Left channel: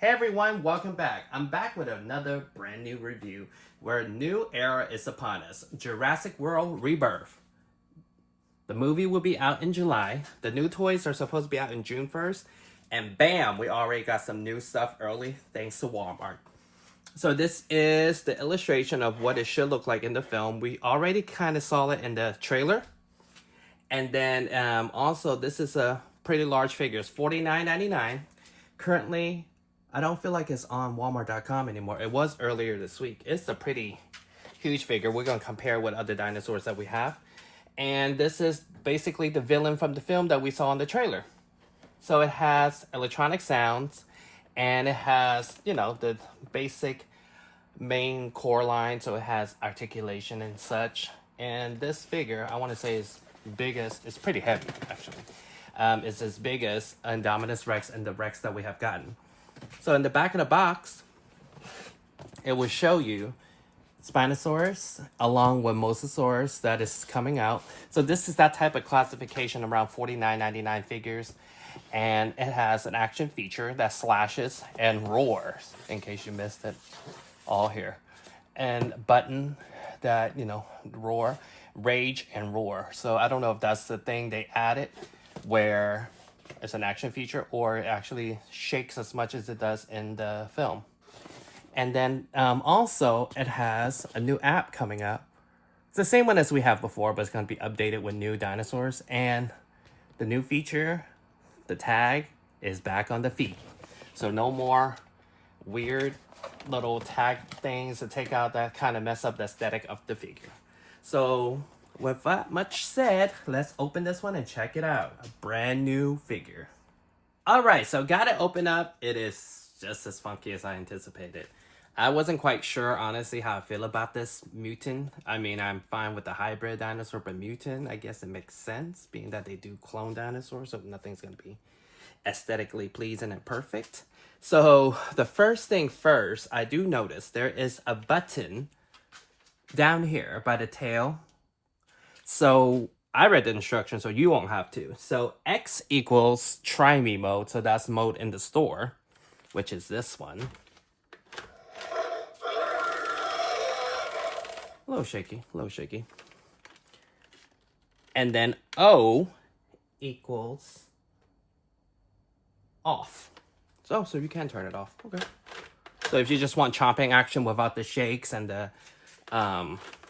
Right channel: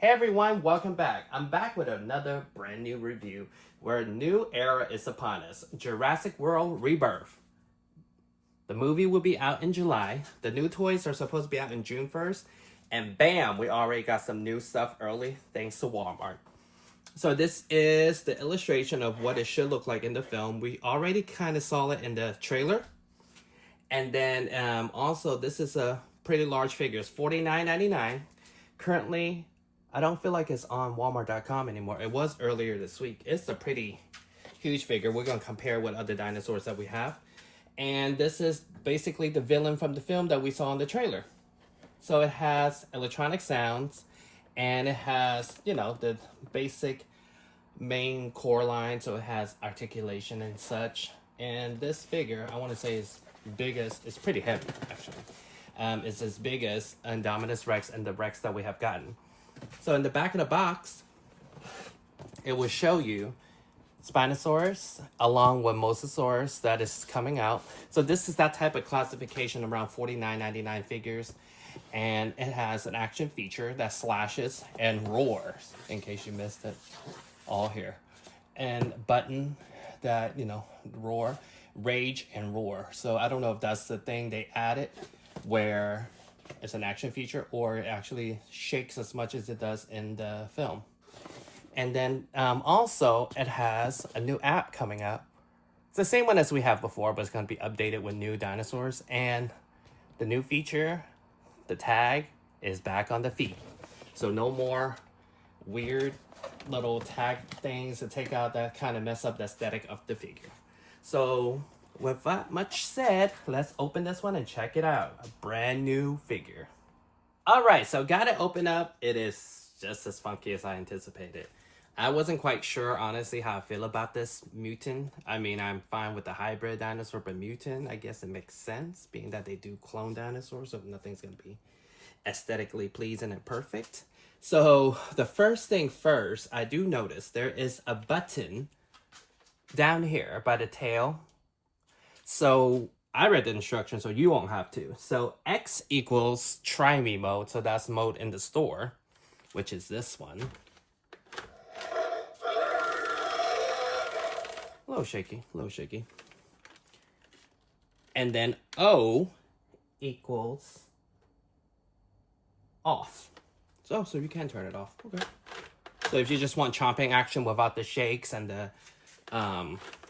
Hey everyone, welcome back. I'm back with another brand new review where a new era is upon us. Jurassic World Rebirth. The movie will be out in July. The new toys are supposed to be out in June 1st. And bam, we already got some new stuff early thanks to Walmart. So this is the illustration of what it should look like in the film. We already kind of saw it in the trailer. And then also this is a pretty large figure. It's $49.99. Currently, I don't feel like it's on Walmart.com anymore. It was earlier this week. It's a pretty huge figure. We're going to compare with other dinosaurs that we have. And this is basically the villain from the film that we saw in the trailer. So it has electronic sounds, and it has, you know, the basic main core line. So it has articulation and such. And this figure, I want to say, is biggest. It's pretty heavy, actually. It's as big as Indominus Rex and the Rex that we have gotten. So in the back of the box, it will show you Spinosaurus along with Mosasaurus that is coming out. So this is that type of classification around $49.99 figures. And it has an action feature that slashes and roars, in case you missed it, all here. And button that, you know, roar, rage and roar. So I don't know if that's the thing they added where it's an action feature or it actually shakes as much as it does in the film. And then also it has a new app coming up. It's the same one as we have before, but it's going to be updated with new dinosaurs. And the new feature, the tag, is back on the feet. So no more weird little tag things to take out that kind of mess up the aesthetic of the figure. So with that much said, let's open this one and check it out. A brand new figure. Alright, so got it open up. It is just as funky as I anticipated. I wasn't quite sure, honestly, how I feel about this mutant. I mean, I'm fine with the hybrid dinosaur, but mutant, I guess it makes sense, being that they do clone dinosaurs, so nothing's going to be aesthetically pleasing and perfect. So the first thing first, I do notice there is a button down here by the tail. So I read the instructions, so you won't have to. So X equals try me mode. So that's mode in the store, which is this one. A little shaky, a little shaky. And then O equals off. So you can turn it off. Okay. So if you just want chomping action without the shakes and the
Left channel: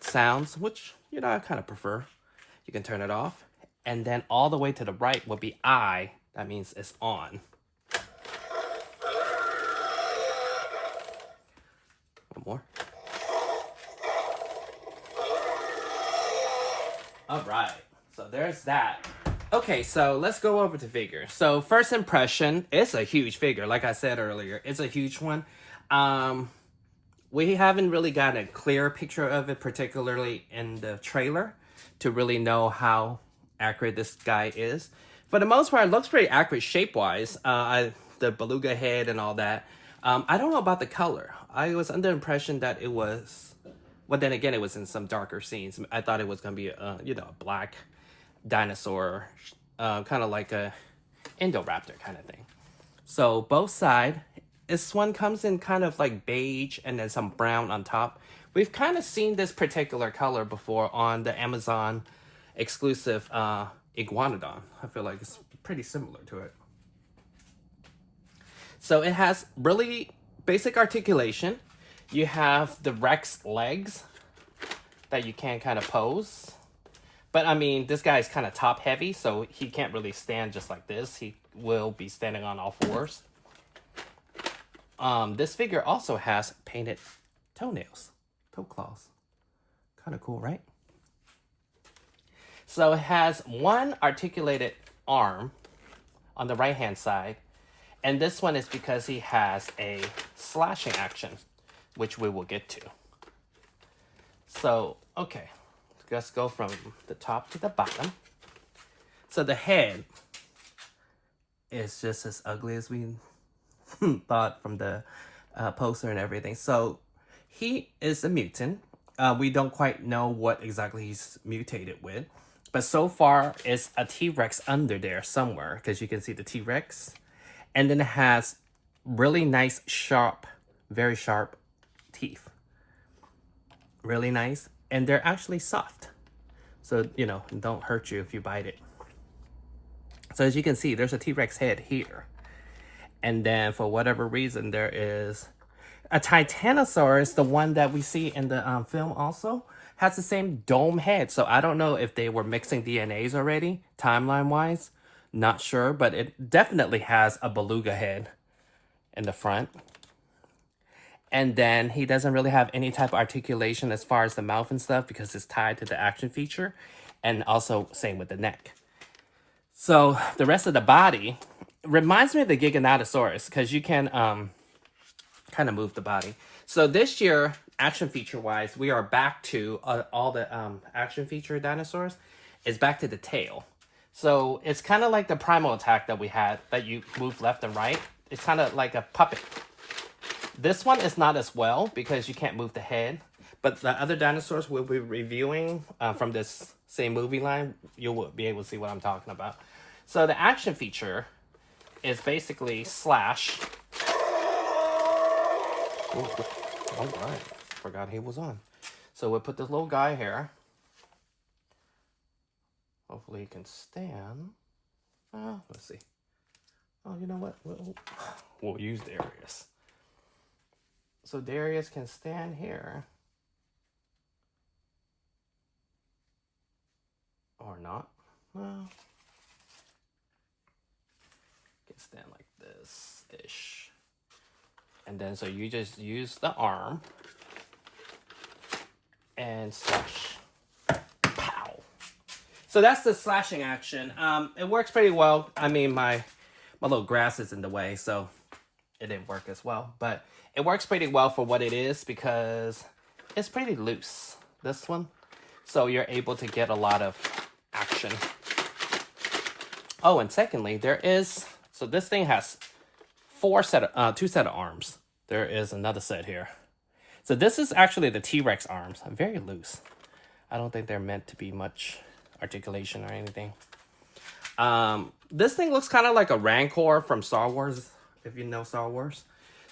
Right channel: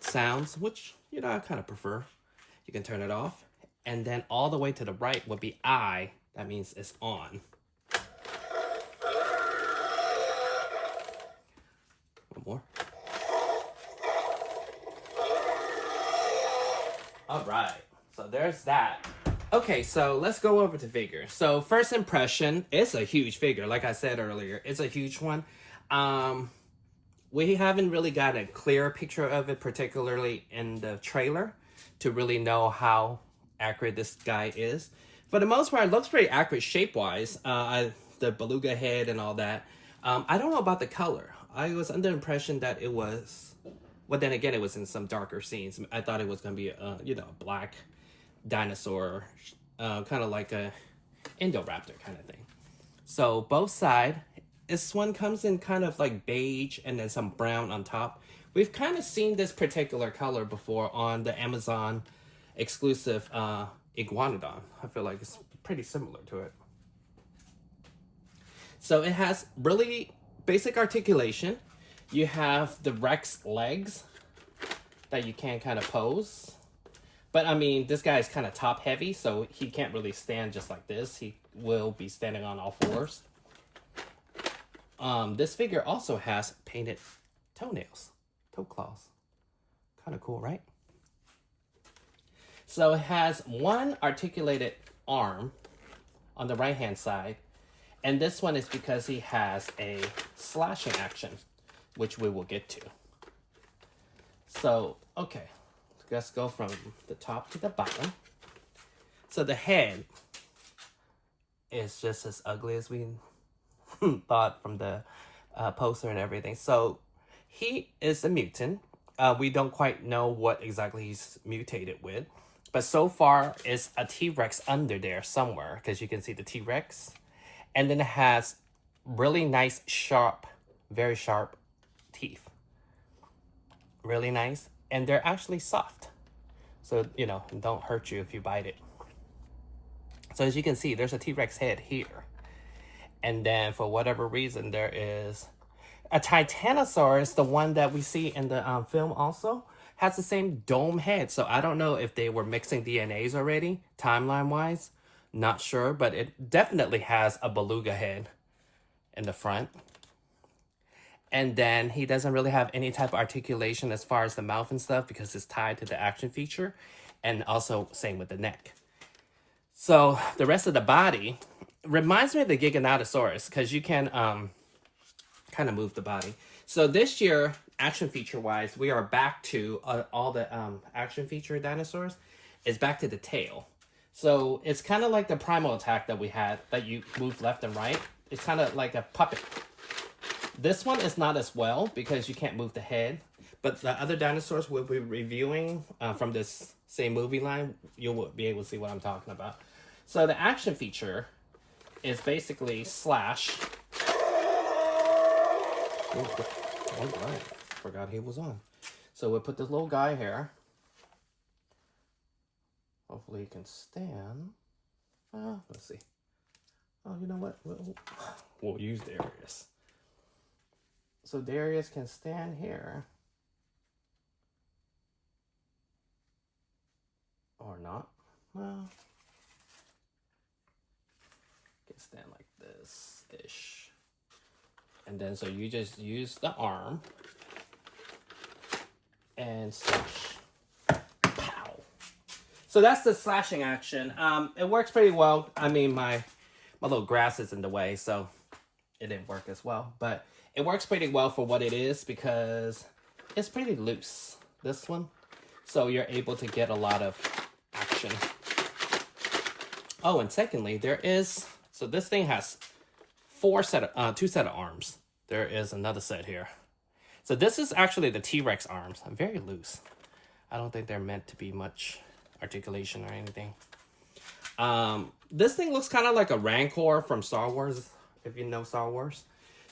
sounds, which, you know, I kind of prefer, you can turn it off. And then all the way to the right would be I. That means it's on. One more. All right. So there's that. Okay, so let's go over to figure. So first impression, it's a huge figure. Like I said earlier, it's a huge one. We haven't really got a clear picture of it, particularly in the trailer, to really know how accurate this guy is. For the most part, it looks pretty accurate shape-wise. The beluga head and all that. I don't know about the color. I was under the impression that it was... Well, then again, it was in some darker scenes. I thought it was going to be a, you know, a black dinosaur, kind of like a Indoraptor kind of thing. So both sides, this one comes in kind of like beige and then some brown on top. We've kind of seen this particular color before on the Amazon exclusive Iguanodon. I feel like it's pretty similar to it. So it has really basic articulation. You have the Rex legs that you can kind of pose. But I mean, this guy is kind of top heavy, so he can't really stand just like this. He will be standing on all fours. This figure also has painted toenails, toe claws. Kind of cool, right? So it has one articulated arm on the right-hand side. And this one is because he has a slashing action, which we will get to. So, okay. Let's go from the top to the bottom. So the head is just as ugly as we thought from the poster and everything. So he is a mutant. We don't quite know what exactly he's mutated with. But so far, it's a T-Rex under there somewhere. Because you can see the T-Rex. And then it has really nice, sharp, very sharp teeth. Really nice. And they're actually soft. So, you know, don't hurt you if you bite it. So as you can see, there's a T-Rex head here. And then for whatever reason, there is a Titanosaurus, the one that we see in the film also, has the same dome head. So I don't know if they were mixing DNAs already, timeline-wise. Not sure, but it definitely has a beluga head in the front. And then he doesn't really have any type of articulation as far as the mouth and stuff because it's tied to the action feature. And also same with the neck. So the rest of the body reminds me of the Giganotosaurus because you can kind of move the body. So this year, action feature wise, we are back to all the action feature dinosaurs is back to the tail. So it's kind of like the primal attack that we had that you move left and right. It's kind of like a puppet. This one is not as well because you can't move the head. But the other dinosaurs we'll be reviewing from this same movie line, you'll be able to see what I'm talking about. So the action feature is basically Slash. Oh, all right. Forgot he was on. So we'll put this little guy here. Hopefully he can stand. Let's see. Oh, you know what? We'll use Darius. So Darius can stand here. Or not. Well, can stand like this-ish. And then so you just use the arm and slash. Pow. So that's the slashing action. It works pretty well. I mean, my little grass is in the way, so it didn't work as well. But it works pretty well for what it is because it's pretty loose, this one. So you're able to get a lot of action. Oh, and secondly, there is... So this thing has two set of arms. There is another set here. So this is actually the T-Rex arms. Very loose. I don't think they're meant to be much articulation or anything. This thing looks kind of like a Rancor from Star Wars, if you know Star Wars.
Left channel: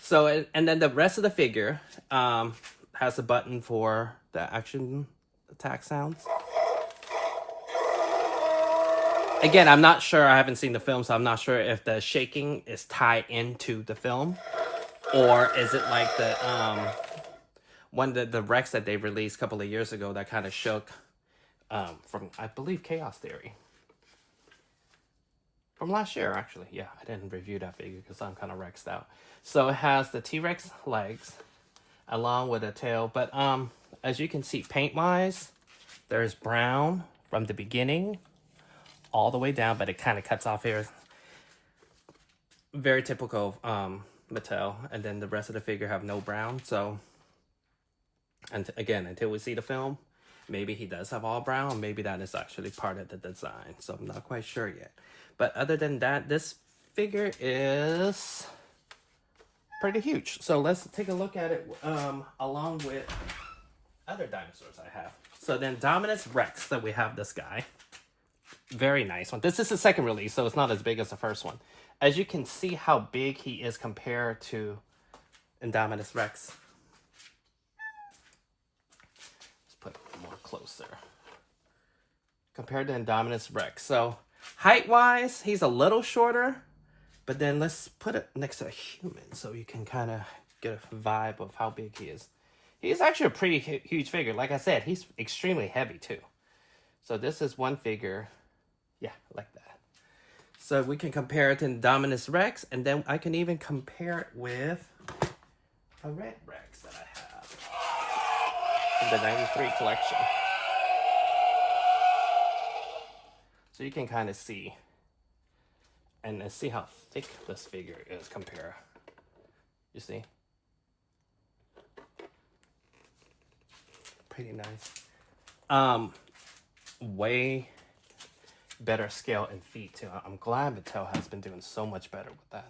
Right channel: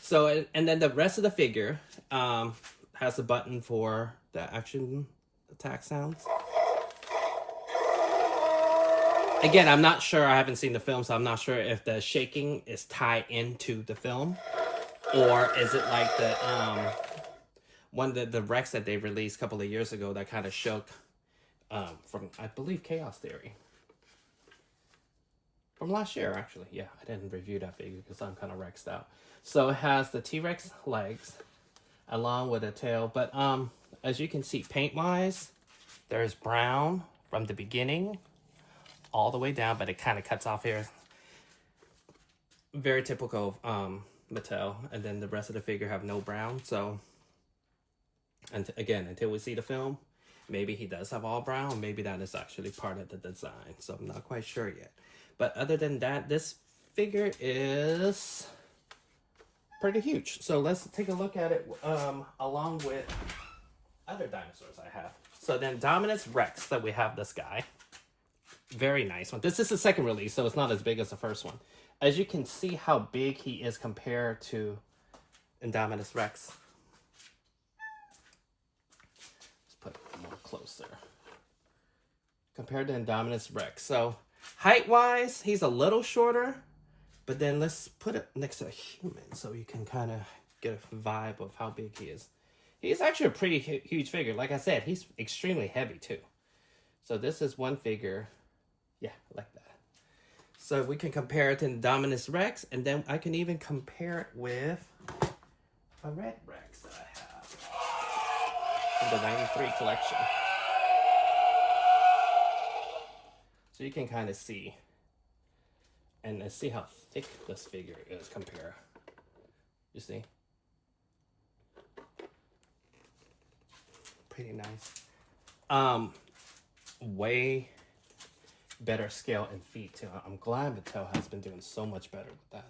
So, and then the rest of the figure has a button for the action attack sounds. Again, I'm not sure. I haven't seen the film, so I'm not sure if the shaking is tied into the film. Or is it like the the Rex that they released a couple of years ago that kind of shook from, I believe, Chaos Theory. From last year, actually. Yeah, I didn't review that figure because I'm kind of Rexed out. So it has the T-Rex legs along with a tail. But as you can see, paint-wise, there's brown from the beginning all the way down, but it kind of cuts off here. Very typical of Mattel. And then the rest of the figure have no brown. So, and again, until we see the film, maybe he does have all brown. Maybe that is actually part of the design. So I'm not quite sure yet. But other than that, this figure is pretty huge. So let's take a look at it along with other dinosaurs I have. So then Dominus Rex, that we have this guy. Very nice one. This is the second release, so it's not as big as the first one. As you can see how big he is compared to Indominus Rex. Let's put it more closer. Compared to Indominus Rex. So height-wise, he's a little shorter, but then let's put it next to a human so you can kind of get a vibe of how big he is. He's actually a pretty huge figure. Like I said, he's extremely heavy too. So this is one figure, yeah, like that. So we can compare it to Indominus Rex, and then I can even compare it with a red Rex that I have in the 93 collection. So you can kind of see, and see how thick this figure is compared. You see? Pretty nice. Way better scale and feet too. I'm glad Mattel has been doing so much better with that.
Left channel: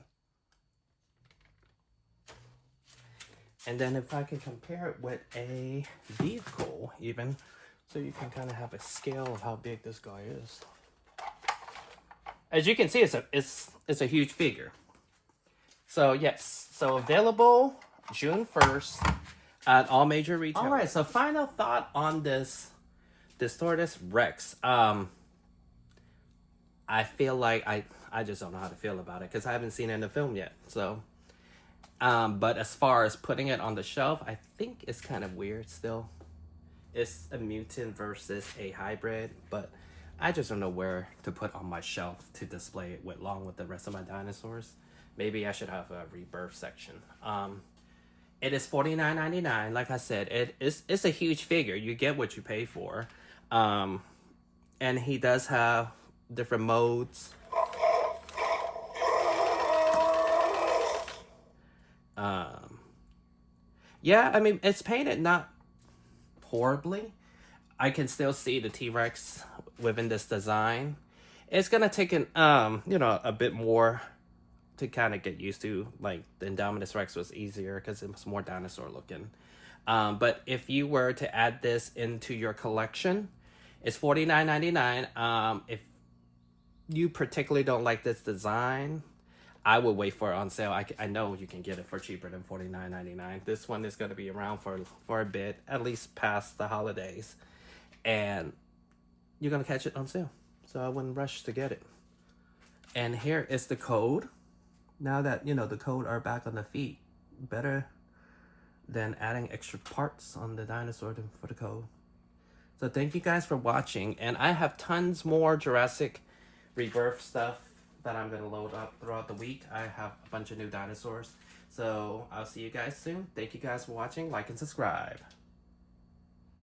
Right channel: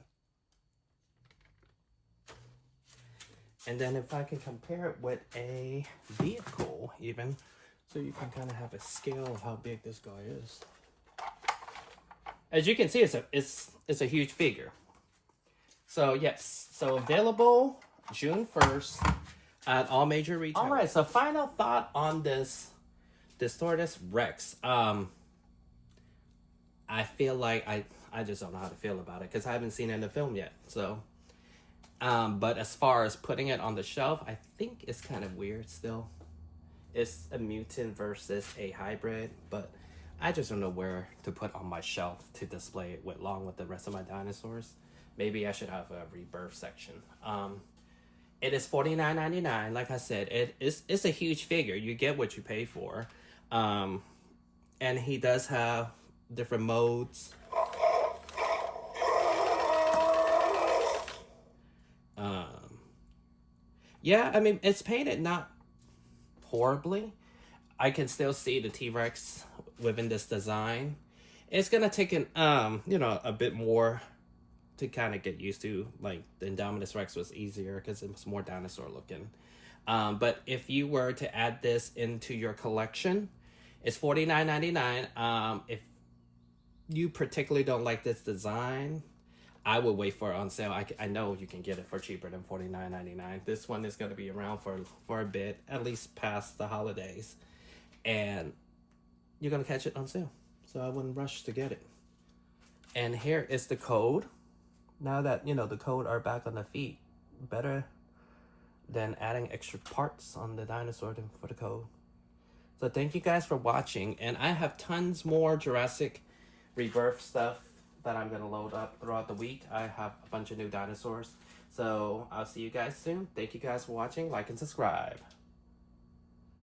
And then if I can compare it with a vehicle even, so you can kind of have a scale of how big this guy is. As you can see, it's a huge figure. So yes, so available June 1st at all major retailers. All right, so final thought on this Distortus Rex. I feel like I just don't know how to feel about it because I haven't seen it in the film yet. So, but as far as putting it on the shelf, I think it's kind of weird still. It's a mutant versus a hybrid, but I just don't know where to put on my shelf to display it with, along with the rest of my dinosaurs. Maybe I should have a Rebirth section. It is $49.99. Like I said, it's a huge figure. You get what you pay for. And he does have different modes. Yeah, I mean, it's painted not horribly. I can still see the T-Rex within this design. It's gonna take an a bit more to kind of get used to. Like the Indominus Rex was easier because it was more dinosaur looking. But if you were to add this into your collection, it's $49.99. If you particularly don't like this design, I would wait for it on sale. I know you can get it for cheaper than $49.99. This one is going to be around for a bit, at least past the holidays. And you're going to catch it on sale. So I wouldn't rush to get it. And here is the code. Now that, the code are back on the feet, better than adding extra parts on the dinosaur for the code. So thank you guys for watching. And I have tons more Jurassic Rebirth stuff that I'm going to load up throughout the week. I have a bunch of new dinosaurs. So I'll see you guys soon. Thank you guys for watching. Like and subscribe.